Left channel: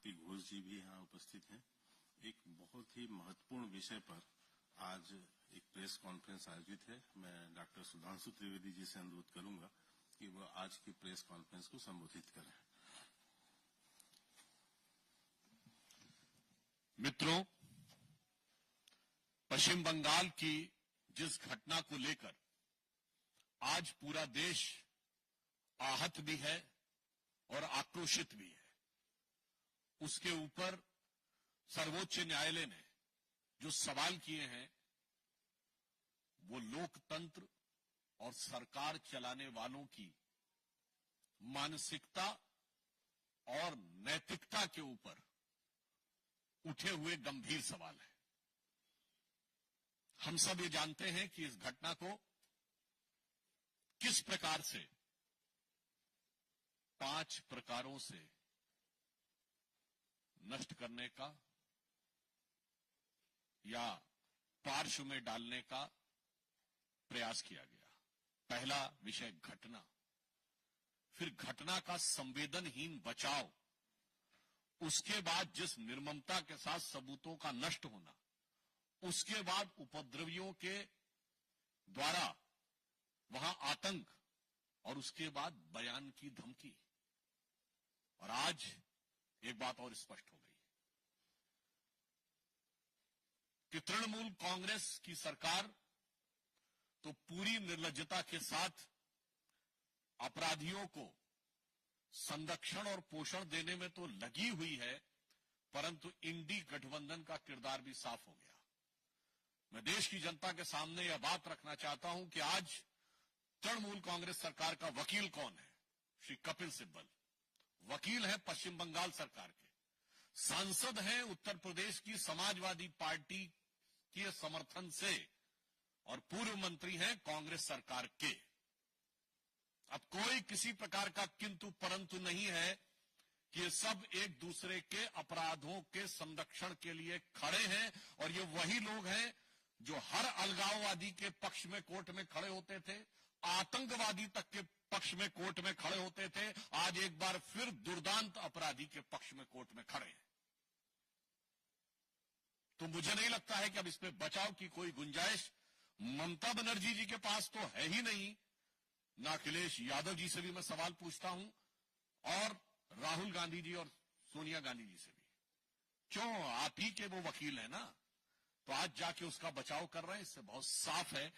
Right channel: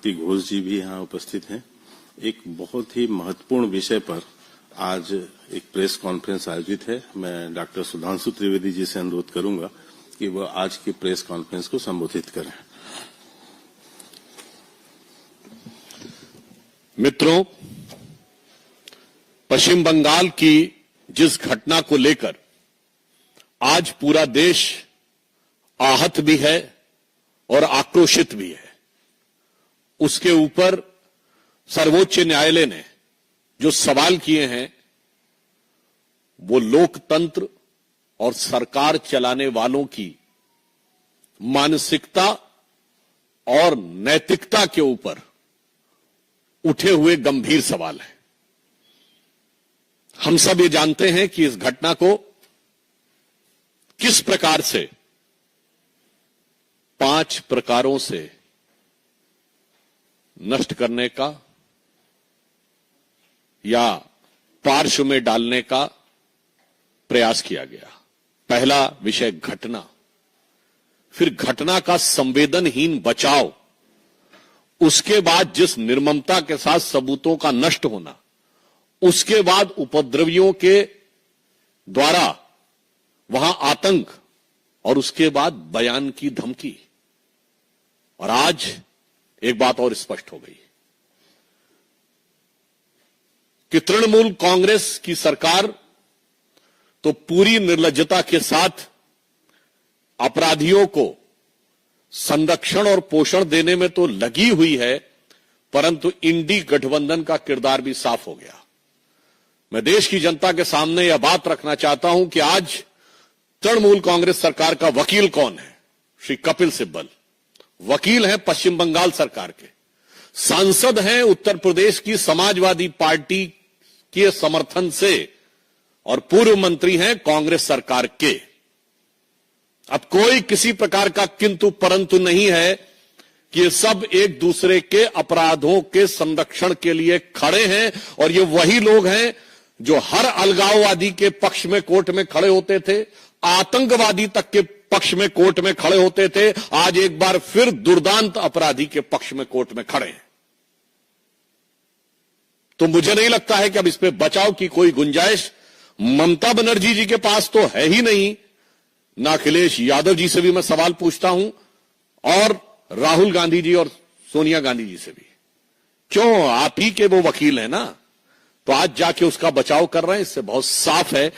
शक्ति घोष जी भी यहाँ उपस्थित हैं। एक बहुत ही महत्वपूर्ण विषय पर आज एक प्रेस कॉन्फ्रेंस आयोजित है। मैं डॉक्टर सुधांशु त्रिवेदी जी से अनुरोध करूंगा कि वह आज की प्रेस कॉन्फ्रेंस को संबोधित करें। मित्रों, पश्चिम बंगाल की जिस घटना को लेकर आज पूरा देश आहत भी है और आक्रोशित भी है, उसके ऊपर सर्वोच्च न्यायालय ने जो सवाल किए हैं वो लोकतंत्र और सरकार चलाने वालों की मानसिकता और नैतिकता के ऊपर उठे हुए गंभीर सवाल है। हम सब ये जानते हैं कि इस घटना को किस प्रकार से 5 प्रकारों से नष्ट करने का या पार्श्व में डालने का प्रयास किया गया। पहला विषय घटना, फिर घटना का संवेदनहीन बचाव, उसके बाद जिस निर्ममता के साथ सबूतों का नष्ट होना, उसके बाद उपद्रवियों के द्वारा वहां आतंक और उसके बाद बयान की धमकी। और आज एक बात और स्पष्ट हो गई कि तृणमूल कांग्रेस की सरकार तो पूरी निर्लज्जता के साथ अपराधियों को संरक्षण और पोषण देने में तो लगी हुई है, परंतु इंडी गठबंधन का किरदार भी साफ हो गया। मैं देश की जनता के सामने यह बात रखना चाहता हूं कि आज तृणमूल कांग्रेस सरकार का वकील कौन है? श्री कपिल सिब्बल वकील हैं पश्चिम बंगाल सरकार के, सांसद हैं उत्तर प्रदेश की समाजवादी पार्टी के समर्थन से और पूर्व मंत्री हैं कांग्रेस सरकार के। अब कोई किसी प्रकार का किंतु परंतु नहीं है कि ये सब एक दूसरे के अपराधों के संरक्षण के लिए खड़े हैं। और ये वही लोग हैं जो हर अलगाववादी के पक्ष में कोर्ट में खड़े होते थे, आतंकवादी तक के पक्ष में कोर्ट में खड़े होते थे, आज एक बार फिर दुर्दांत अपराधी के पक्ष में कोर्ट में खड़े हैं। तो मुझे नहीं लगता है कि अब इस पे बचाव की कोई गुंजाइश ममता बनर्जी जी के पास तो है ही नहीं, ना अखिलेश यादव जी से भी मैं सवाल पूछता हूं और राहुल गांधी जी और सोनिया गांधी जी से भी। क्यों? आप ही के वो वकील हैं ना, तो आज जाके उसका बचाव कर रहे हैं। इससे बहुत साफ है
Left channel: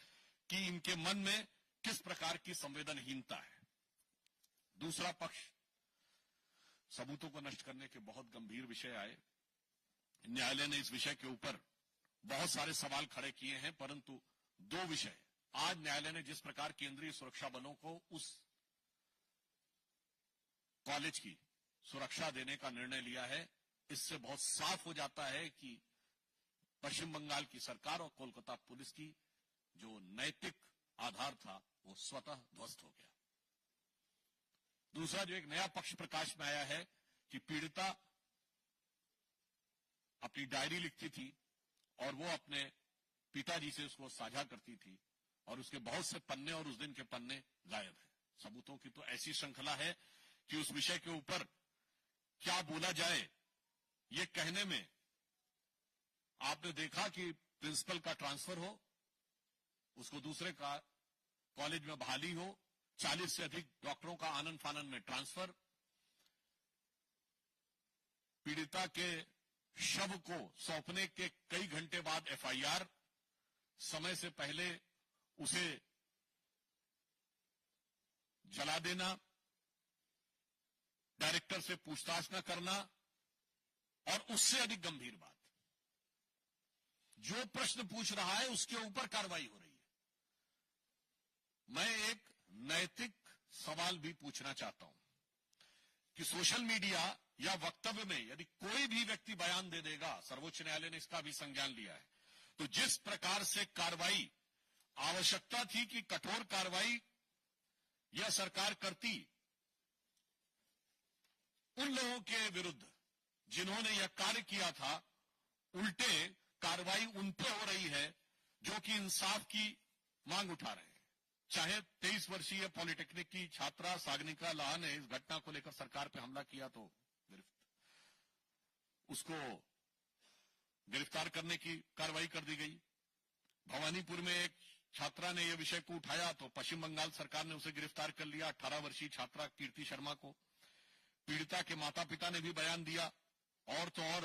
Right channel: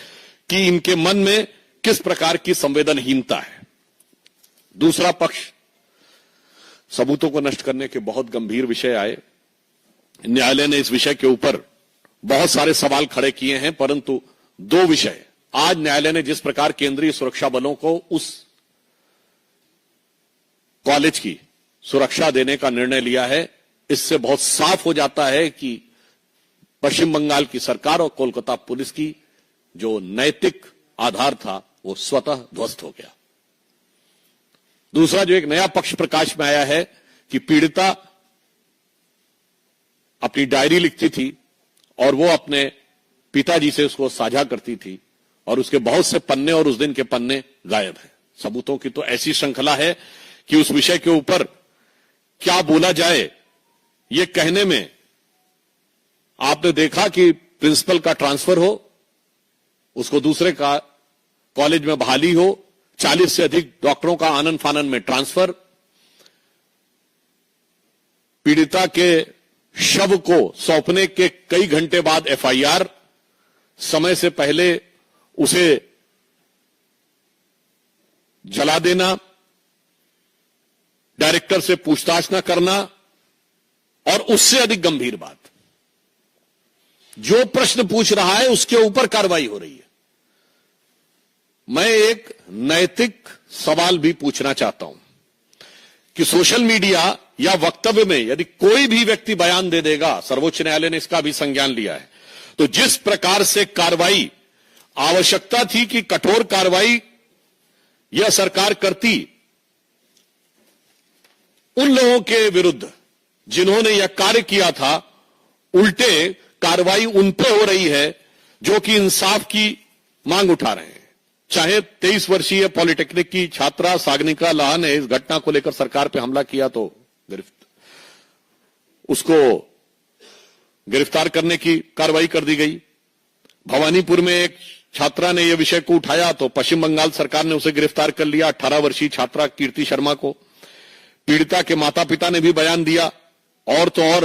कि इनके मन में किस प्रकार की संवेदनहीनता है। दूसरा पक्ष, सबूतों को नष्ट करने के बहुत गंभीर विषय आए। न्यायालय ने इस विषय के ऊपर बहुत सारे सवाल खड़े किए हैं, परंतु 2 विषय आज न्यायालय ने जिस प्रकार केंद्रीय सुरक्षा बलों को उस कॉलेज की सुरक्षा देने का निर्णय लिया है, इससे बहुत साफ हो जाता है कि पश्चिम बंगाल की सरकार और कोलकाता पुलिस की जो नैतिक आधार था वो स्वतः ध्वस्त हो गया। दूसरा जो एक नया पक्ष प्रकाश में आया है कि पीड़िता अपनी डायरी लिखती थी और वो अपने पिताजी से उसको साझा करती थी और उसके बहुत से पन्ने और उस दिन के पन्ने गायब हैं। सबूतों की तो ऐसी श्रृंखला है कि उस विषय के ऊपर क्या बोला जाए ये कहने में, आपने देखा कि प्रिंसिपल का ट्रांसफर हो, उसको दूसरे का कॉलेज में बहाली हो, 40 से अधिक डॉक्टरों का आनन फानन में ट्रांसफर, पीड़िता के शव को सौंपने के कई घंटे बाद एफआईआर, समय से पहले उसे जला देना, डायरेक्टर से पूछताछ न करना और उससे अधिक गंभीर बात, जो प्रश्न पूछ रहा है उसके ऊपर कार्रवाई हो रही है। मैं एक नैतिक सवाल भी पूछना चाहता हूं कि सोशल मीडिया या वक्तव्य में यदि कोई भी व्यक्ति बयान दे देगा, सर्वोच्च न्यायालय ने इसका भी संज्ञान लिया है, तो जिस प्रकार से कार्रवाई आवश्यकता थी कि कठोर कार्रवाई यह सरकार करती उन लोगों के विरुद्ध जिन्होंने यह कार्य किया था, उल्टे कार्रवाई उन पर हो रही है जो कि इंसाफ की मांग उठा रहे हैं। चाहे 23 वर्षीय पॉलिटेक्निक की छात्रा सागनिका लाहा ने इस घटना को लेकर सरकार पर हमला किया तो गिरफ्तार, उसको गिरफ्तार करने की कार्रवाई कर दी गई। भवानीपुर में एक छात्रा ने यह विषय को उठाया तो पश्चिम बंगाल सरकार ने उसे गिरफ्तार कर लिया, 18 वर्षीय छात्रा कीर्ति शर्मा को। पीड़िता के माता पिता ने भी बयान दिया। और तो और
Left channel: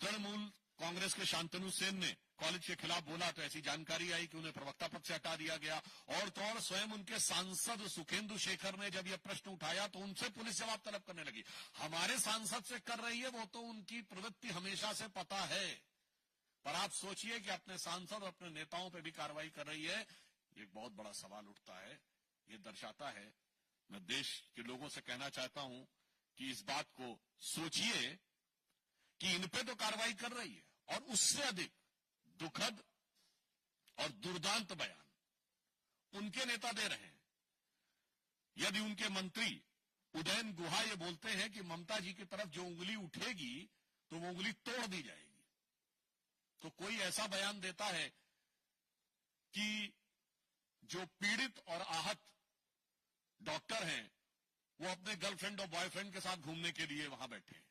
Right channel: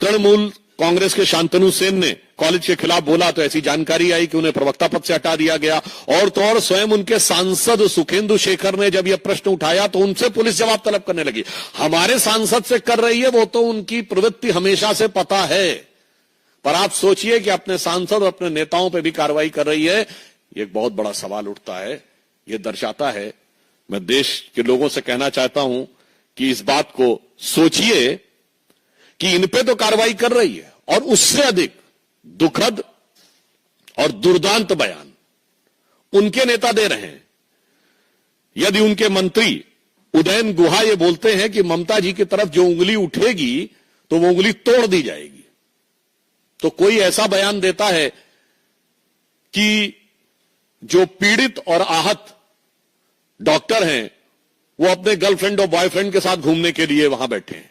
तृणमूल कांग्रेस के शांतनु सेन ने कॉलेज के खिलाफ बोला तो ऐसी जानकारी आई कि उन्हें प्रवक्ता पद से हटा दिया गया। और तो और स्वयं उनके सांसद सुखेंदु शेखर ने जब यह प्रश्न उठाया तो उनसे पुलिस जवाब तलब करने लगी। हमारे सांसद से कर रही है, वो तो उनकी प्रवृत्ति हमेशा से पता है, पर आप सोचिए कि अपने सांसद और अपने नेताओं पर भी कार्रवाई कर रही है। एक बहुत बड़ा सवाल उठता है। यह दर्शाता है, मैं देश के लोगों से कहना चाहता हूं कि इस बात को सोचिए कि इन पे तो कार्रवाई कर रही है, और उससे अधिक दुखद और दुर्दांत बयान उनके नेता दे रहे हैं। यदि उनके मंत्री उदयन गुहा ये बोलते हैं कि ममता जी की तरफ जो उंगली उठेगी तो वो उंगली तोड़ दी जाएगी, तो कोई ऐसा बयान देता है कि जो पीड़ित और आहत डॉक्टर हैं वो अपने गर्लफ्रेंड और बॉयफ्रेंड के साथ घूमने के लिए वहां बैठे हैं,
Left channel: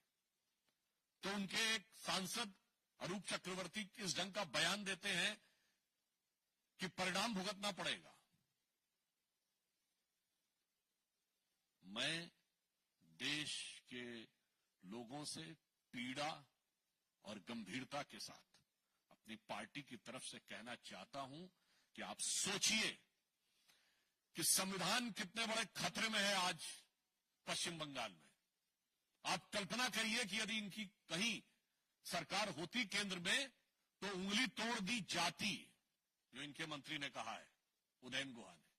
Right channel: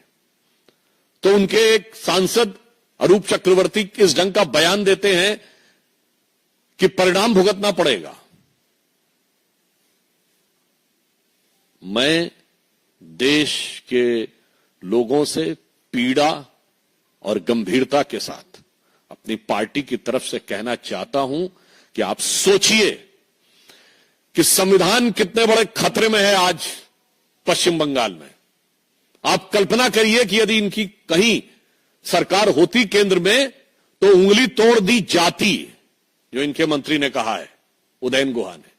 तो उनके एक सांसद अरूप चक्रवर्ती इस ढंग का बयान देते हैं कि परिणाम भुगतना पड़ेगा। मैं देश के लोगों से पीड़ा और गंभीरता के साथ अपनी पार्टी की तरफ से कहना चाहता हूं कि आप सोचिए कि संविधान कितने बड़े खतरे में है आज पश्चिम बंगाल में। आप कल्पना करिए कि यदि इनकी कहीं सरकार होती केंद्र में तो उंगली तोड़ दी जाती, जो इनके मंत्री ने कहा है, उदयन गुहा ने,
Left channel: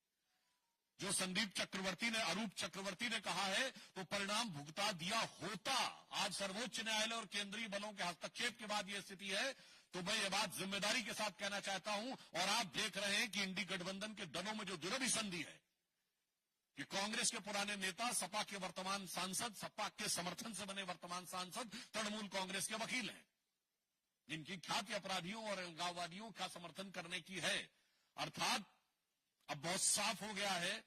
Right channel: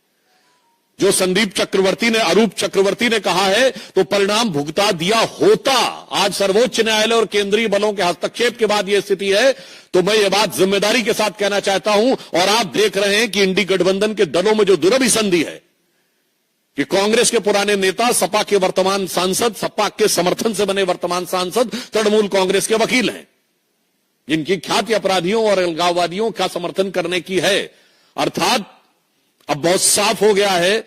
जो संदीप चक्रवर्ती ने, अरूप चक्रवर्ती ने कहा है, तो परिणाम भुगता दिया होता। आज सर्वोच्च न्यायालय और केंद्रीय बलों के हस्तक्षेप के बाद यह स्थिति है, तो मैं ये बात जिम्मेदारी के साथ कहना चाहता हूं। और आप देख रहे हैं कि इंडी गठबंधन के दलों में जो दुरभिसंधि है कि कांग्रेस के पुराने नेता, सपा के वर्तमान सांसद, सपा के समर्थन से बने वर्तमान सांसद तृणमूल कांग्रेस के वकील हैं, जिनकी ख्याति अपराधियों और अलगाववादियों का समर्थन करने की है। अर्थात अब बहुत साफ हो गया है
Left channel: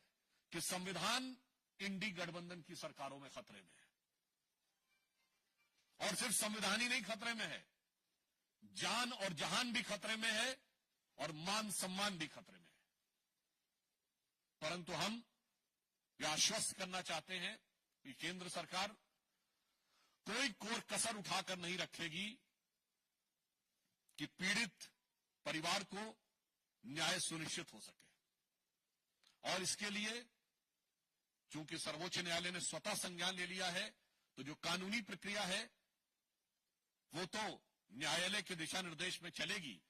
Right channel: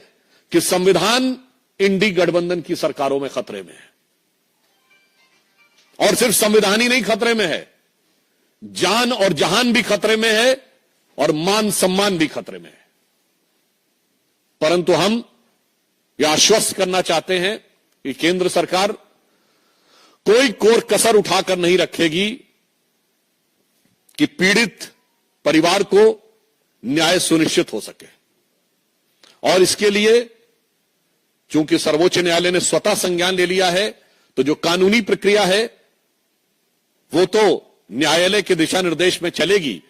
कि संविधान इंडी गठबंधन की सरकारों में खतरे में है। और सिर्फ संविधान ही नहीं खतरे में है, जान और जहान भी खतरे में है और मान सम्मान भी खतरे में है। परंतु हम यह आश्वस्त करना चाहते हैं कि केंद्र सरकार कोई कोर कसर उठाकर नहीं रखेगी कि पीड़ित परिवार को न्याय सुनिश्चित हो सके। और इसके लिए चूंकि सर्वोच्च न्यायालय ने स्वतः संज्ञान ले लिया है, तो जो कानूनी प्रक्रिया है वो तो न्यायालय के दिशा निर्देश में चलेगी।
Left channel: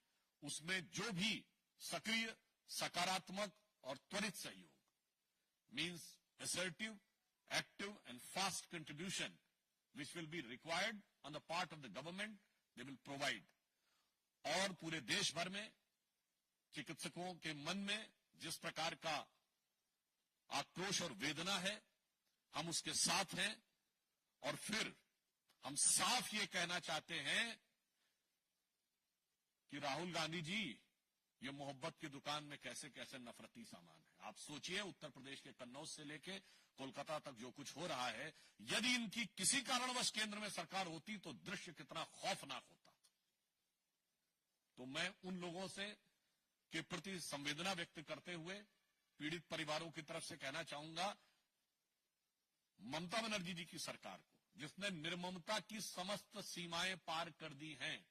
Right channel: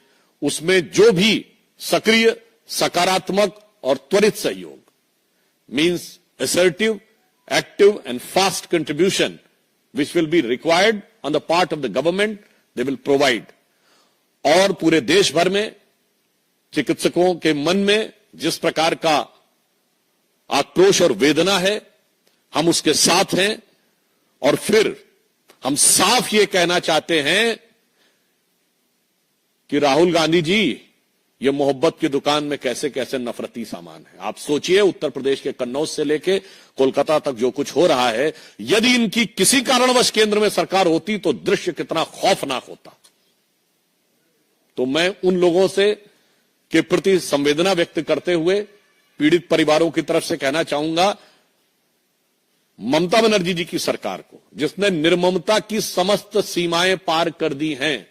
उसमें जो भी सक्रिय, सकारात्मक और त्वरित सहयोग, means assertive, active and fast contribution which will be required on the part of the government, they will provide. और पूरे देश भर में चिकित्सकों के मन में जिस प्रकार का आक्रोश और वेदना है, हम उसके साथ हैं। और फिर हम साफ ये कहना चाहते हैं कि राहुल गांधी जी, ये मोहब्बत की दुकान में कैसे कैसे नफरती सामान है। आप सोचिए, उत्तर प्रदेश के कन्नौज से लेके कोलकाता तक जो कुछ हो रहा है, यदि इनकी किसी कारणवश केंद्र में सरकार होती तो दृश्य कितना खौफनाक होता। तो मैं उन लोगों से के प्रति संवेदना व्यक्त करते हुए पीड़ित परिवारों की तरफ से कहना चाहूंगा, ममता बनर्जी जी की सरकार को, जिसने निर्ममता की समस्त सीमाएं पार कर दी हैं,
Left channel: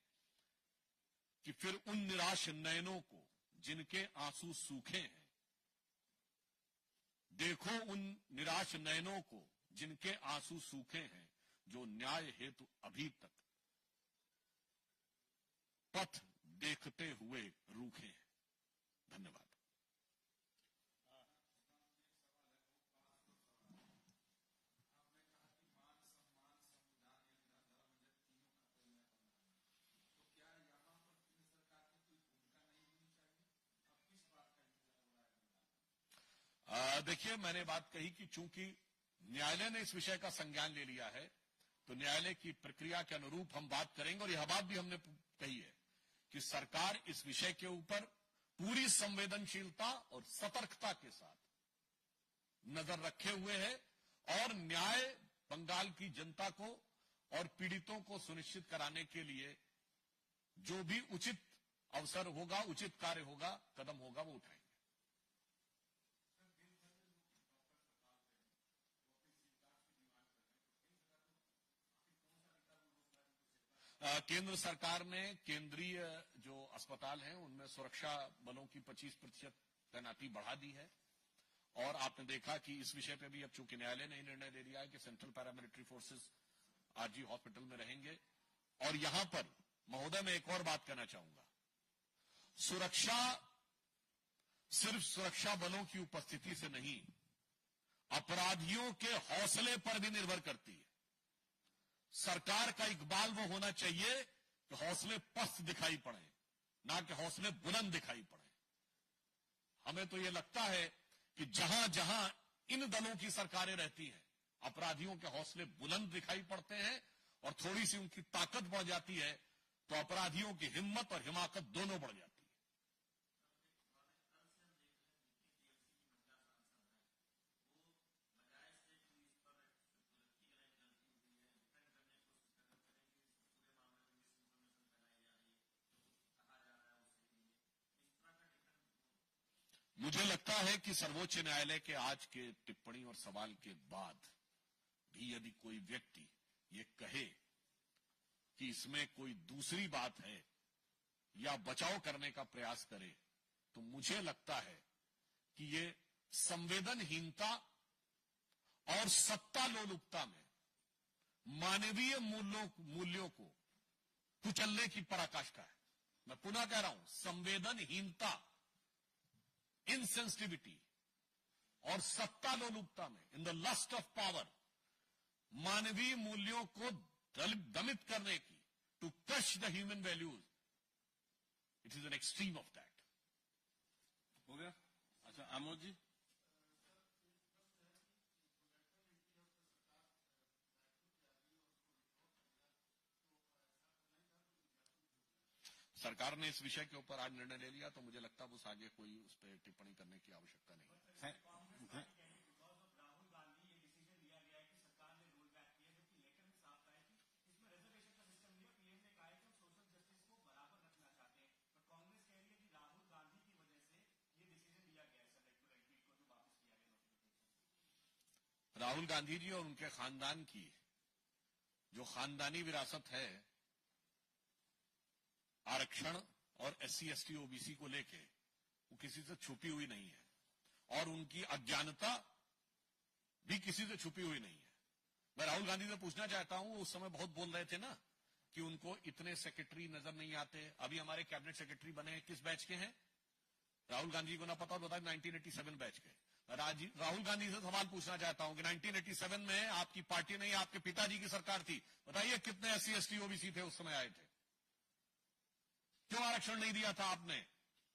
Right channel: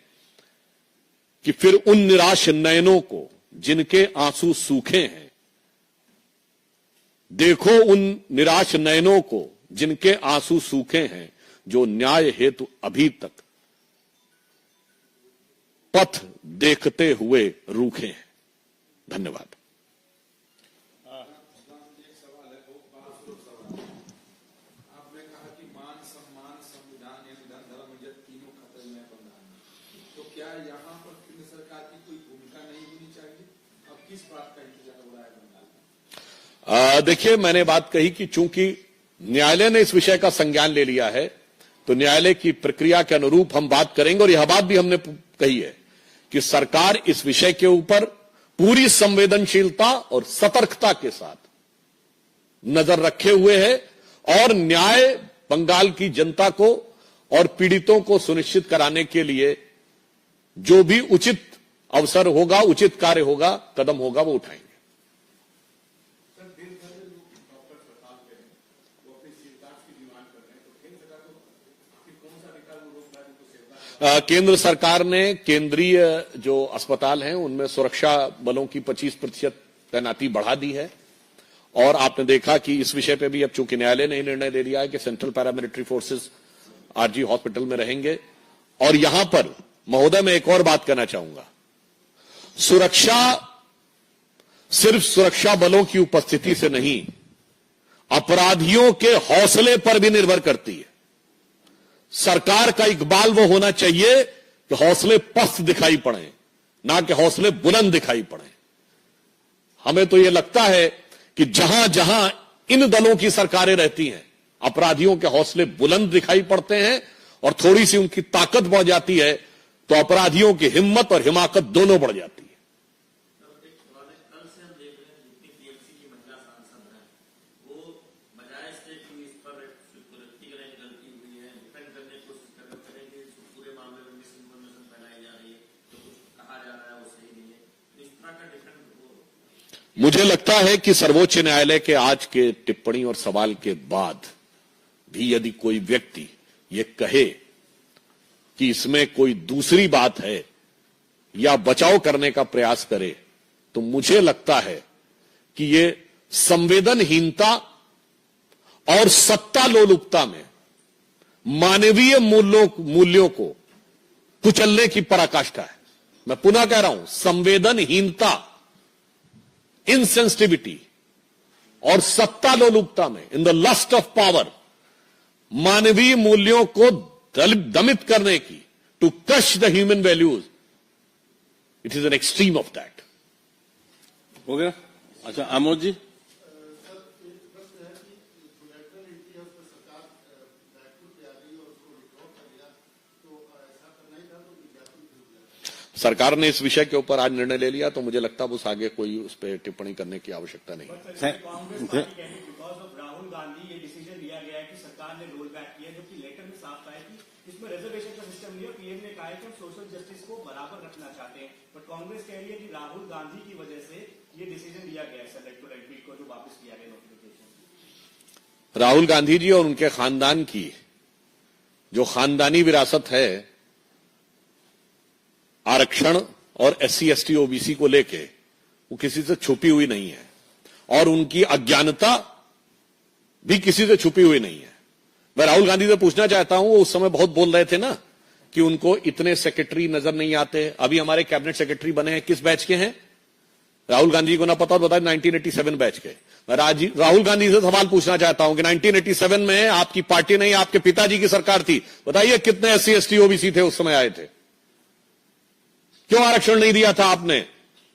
कि फिर उन निराश नयनों को जिनके आंसू सूखे हैं, देखो उन निराश नयनों को जिनके आंसू सूखे हैं, जो न्याय हेतु अभी तक पथ देखते हुए रूखे हैं। धन्यवाद। आपने कहा कि मान सम्मान, संविधान यानी धन धर्म इज्जत तीनों खतरे में बंधन, तो क्या यहाँ पर केंद्र सरकार की कोई भूमिका नहीं होनी चाहिए? अब किस बात का इंतजार हो रहा है बंगाल में? देखिए, मैंने बात कही कि चूंकि न्यायालय ने इस विषय का संज्ञान ले लिया है, तो न्यायालय की प्रक्रिया के अनुरूप हम बात करेंगे। और यह बात भी हमने कही है कि सरकार इस विषय के ऊपर पूरी संवेदनशीलता और सतर्कता के साथ नजर रखे हुए है और न्याय बंगाल की जनता को और पीड़ितों को सुनिश्चित कराने के लिए जो भी उचित अवसर होगा, उचित कार्य होगा, कदम होगा, वो उठाएंगे। केंद्र सरकार ने केंद्रीय जो अस्पताल हैं उनमें सुरक्षा बलों की 25% तैनाती बढ़ा दी है। और आपने देखा कि इस विषय पे भी अब चूंकि न्यायालय ने निर्णय ले लिया है कि central paramilitary forces RG hospital में रहेंगे। और यहां पर महोदय मैं एक और बात कहना चाहूंगा, सुरक्षा सिर्फ सुरक्षा बलों की उपस्थिति से नहीं, अपराधियों के हौसले पर भी निर्भर करती है। सरकार का इकबाल वो होना चाहिए कि हौसले पस्त दिखाई पड़े, ना कि हौसले बुलंद दिखाई पड़े। हमें तो यह लगता है कि जहां जहां इन दलों की सरकारें रहती हैं, अपराधियों के हौसले बुलंद दिखाई पड़ते हैं और थोड़ी सी उनकी ताकत बढ़ जाती है तो अपराधियों की हिम्मत और हिमाकत दोनों बढ़ जाती है। मुझे लगता है कि सर्वोच्च न्यायालय के आज के टिप्पणी और सवाल के बाद भी यदि कोई व्यक्ति ये कहे कि इसमें कोई दूसरी बात है या बचाव करने का प्रयास करे, तो मुझे लगता है कि ये संवेदनहीनता और सत्ता लोलुपता में मानवीय मूल्यों को कुचलने की पराकाष्ठा है। मैं पुनः कह रहा हूं, संवेदनहीनता, इनसेंसिटिविटी और सत्ता लोलुपता में, in the lust of power, मानवीय मूल्यों को दमित करने की, to crush the human values, it is an extreme of that. हो गया? अच्छा, आमोद जी। सरकार ने इस विषय के ऊपर आज निर्णय ले लिया तो मुझे लगता है उस आगे कोई उस पर टिप्पणी करने की आवश्यकता नहीं। राहुल गांधी ये डिसीजन लिया गया है कि सरकार ने रोल बैक किया, जबकि लेटर में साफ था कि इसमें रिजर्वेशन का सिस्टम नहीं है। पीएम ने कहा है कि हम सोशल जस्टिस को बराबर रखना चाहते हैं, बट कांग्रेस कह रही है कि राहुल गांधी की वजह से ये डिसीजन लिया गया है इलेक्टोरल एडमिट को जो वापस किया गया नोटिफिकेशन। राहुल गांधी जी और उनके खानदान की जो खानदानी विरासत है आरक्षण और एससी एसटी ओबीसी को लेके, वो किसी से छुपी हुई नहीं है और उनकी अज्ञानता भी किसी से छुपी हुई नहीं है। मैं राहुल गांधी से पूछना चाहता हूं, वो उस समय बहुत बोल रहे थे ना कि उनको इतने सेक्रेटरी नजर नहीं आते। अभी हमारे कैबिनेट सेक्रेटरी बने हैं, किस बैच के हैं? राहुल गांधी को ना पता और बताए 1987 बैच के। मैं राहुल गांधी से सवाल पूछना चाहता हूं कि 1987 में आपकी पार्टी नहीं, आपके पिताजी की सरकार थी, बताइए कितने एससी एसटी ओबीसी थे उस समय आए थे? क्यों आरक्षण नहीं दिया था आपने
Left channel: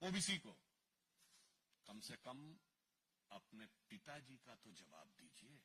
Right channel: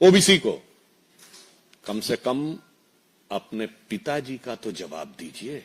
ओबीसी को? कम से कम अपने पिताजी का तो जवाब दीजिए।